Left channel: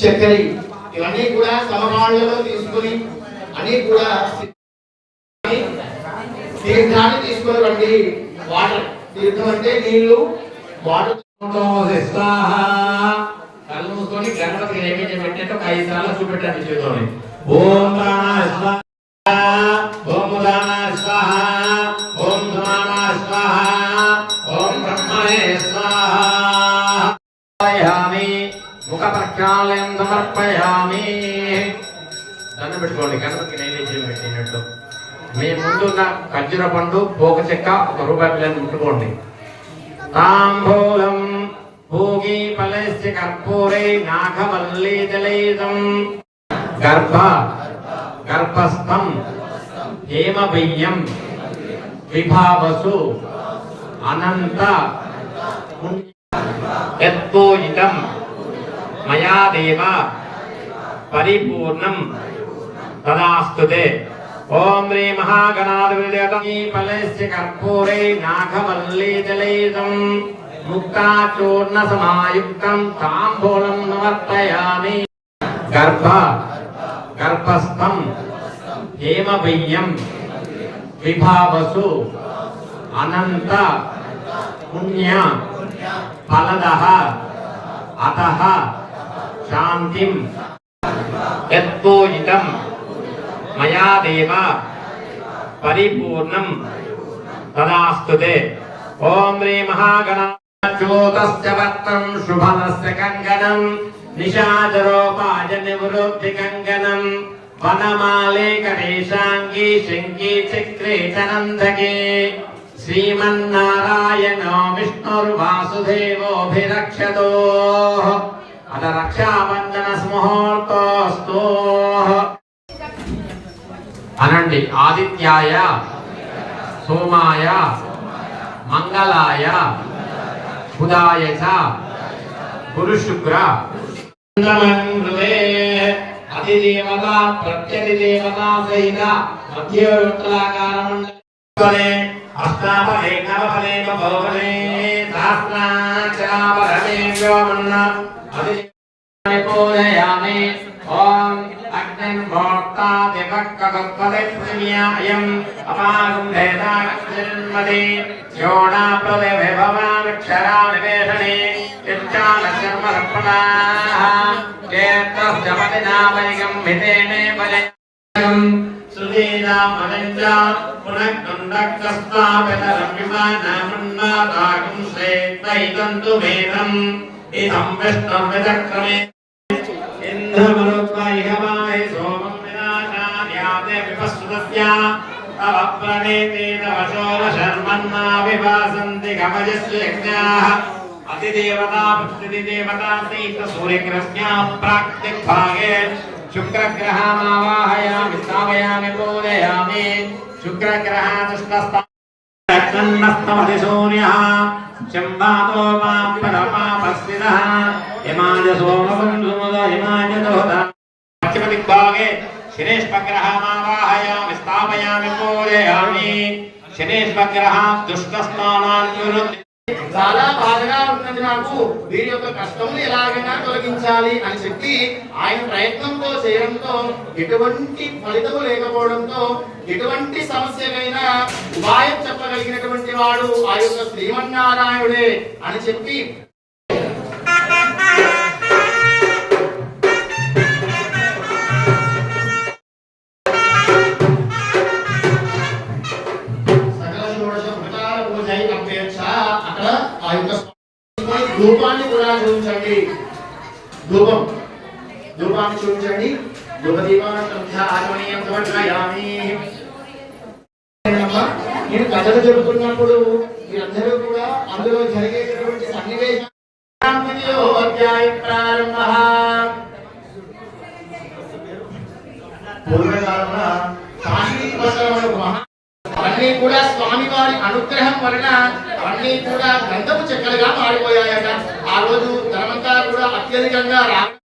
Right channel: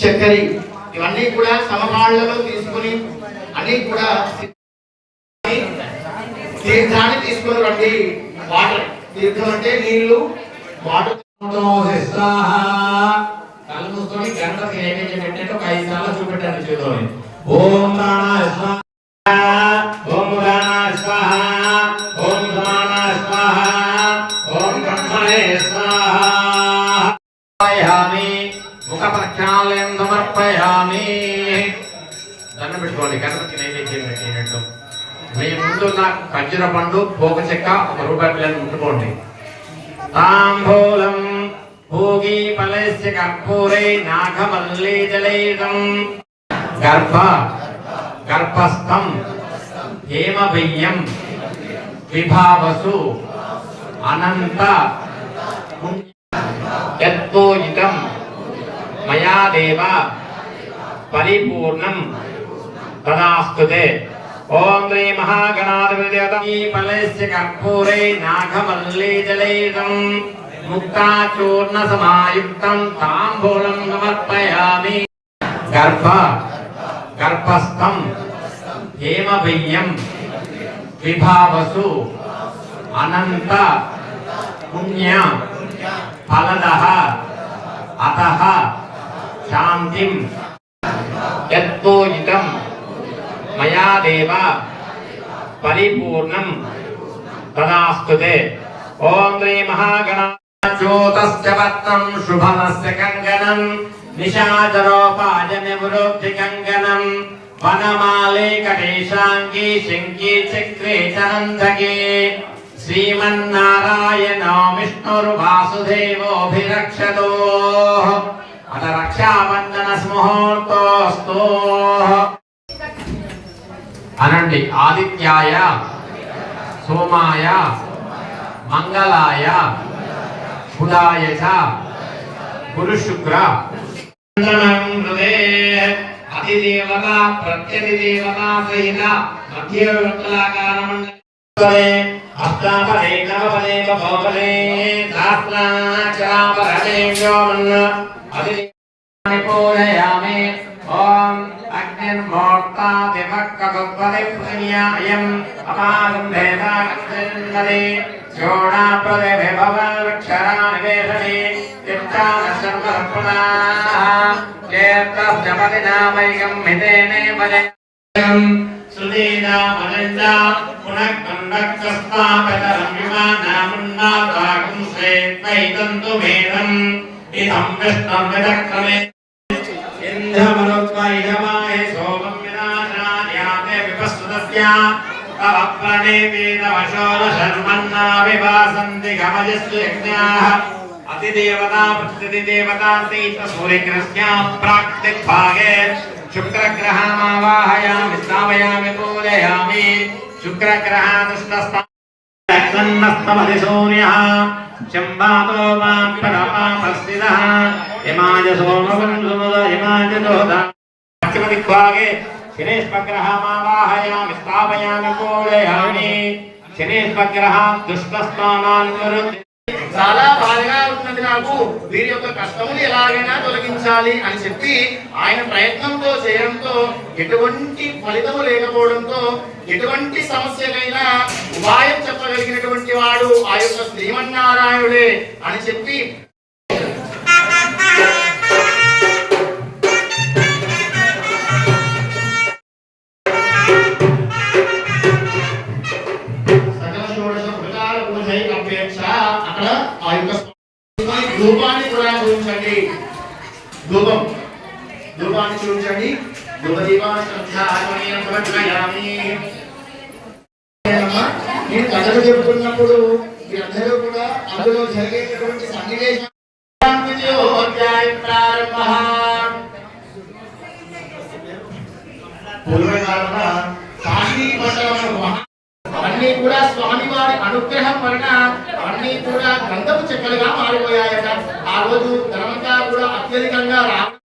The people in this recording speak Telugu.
చక్కెర ఇవన్నీ కూడా సమపాళ్లలో తీసుకుని అన్ని కూడా తీర్థాన్ని తీసుకొని రండి. వాటర్ తీర్థం అంటే నీళ్లు, వాటర్ కళ్ళు మూసుకొని గణపతికి నైవేద్యం పెట్టినట్టు 5 సార్లు చూపెట్టండి చేతోని. ఓం ప్రాణాయ స్వాహా, ఓం ఉదానాయ స్వాహా, ఓం సమానాయ స్వాహా, ఓం బ్రహ్మణే స్వాహా. ముఖ ప్రక్షాళనం సమర్పయామి. దండం పెట్టుకోండి గణపతికి నైవేద్యం పెట్టినట్టు. మీ ముందున్న వజ్ర పండు, పోక చెక్క, 1 రూపాయి బిళ్ళను ముట్టుకోండి. తాంబూలం భోగి ఫలస్య కర్పూరై నాగమల్లీ జలైదం గర్భస్థం హేమ బియ్యం విభావసు అనంత యత్తోజితం మయా దేవ పరిపూర్ణం తదాస్తుతే. ఓం శ్రీ మహాగణాధిపతి ఫలస్య కర్పూరై నాగమల్లీ జలైదం ముక్తాచూర్ణ సమాయుక్తం తాంబూలం సమర్పయామి. గర్భస్థం హేమ బియ్యం విభావసు అనంత పుణ్య ఫలదః అతః శాంతిం యత్తోజితం మయా దేవ పరిపూర్ణం తదాస్తుతే. ఓం శ్రీ మహాగణాధిపతి వక్రం శుభమస్య కంకణం నిశాచరోపాజనివృద్ధి కంకణం వనమాలే కటేశాంగి శంకి చక్రే చనందకే శ్రీమన్నారాయణో విష్ణుర్వాసుదేవోభిరక్షతో అత రక్షాబంధన ముహూర్తోస్తు అనండి. ఆదిత్యాయ సోమాయ మంగళాయ బుధాయ చ గురు శుక్ర అధిదేవత ప్రత్యధిదేవత సహిత మధ్యవర్తులాకార మండలే అష్టాఫలే నవఫలే బహుఫలే సహస్రాక్షరాఫలే వ్యోమన్న అధిదేవాన్ని పూజయామి. ఓం అగ్నిర్మోక్తా దివక్కగపదే పృథివ్యాయం అపాగం భేదాగన్మదే యోడా ప్రదే విభవాక్షరా నివేశనే చిత్తాన శర్మ రక్షణాః కేతస్యమదినామైకం మితేనే వయం సుదీనా మనంజా పునఃకండకస్తాపకరం విమానామన్మాతాగం శ్రేత్వైతంతు వేదం ఇదం విష్ణుం విచక్రమే ఇంద్రమరుత్వైహవాయ సోమం వినాశాన్యాతే విపస్సుతస్య అవప్రణే వేదవశోర శర్మన్నా వివాసంతి గమజస్సు యజ్ఞాః అతిదేవతా ప్రతిదేవతా సైత సూర్యగ్రహస్య ప్రాక్తిగ్భాగే శుక్రగ్రహామావాహయామి స్థాపయామి పూజయామి. శుక్రగ్రహాదుష్టస్తమధిశూన్యః శంభాతో మాం ప్రస్థితః హిమాయ సోమబంధుముద హిమాయ దోదా ప్రతిదిగ్భాగే శనేశ్వగ్రహామావాహయామి స్థాపయామి పూజయామి. శనేశ్వగ్రహ దుష్టస్థానాన్ నిరుద్ధ చాలా బాధగా ఉంటుంది నాకు, వీరి యొక్క కష్టములు ఎలాగైనా తొలగించాలి అని చెప్పి ఆయన ప్రయత్నంతో చేయడంతో ఎటువంటి ఫలితము లేకపోవడంతో ఎటువంటి సమస్యకైనా ఉపాయం చెప్పగలిగినటువంటి వాడు ఆ యొక్క శ్రీమన్నారాయణుడే అని చెప్పి ధూపాన్ని కూడా చూపించండి. ధూపాన్ని చూపించండి. నేను కథలు చెబుతున్నప్పుడు మీరందరూ కూడా అందులో జరిగేటటువంటి సన్నివేశం పూర్వకాలన కాశీ అన్నీ కూడా స్వామి వారి అనుగ్రహం వలన అన్నీ కూడా గంధపు చెక్కలుగా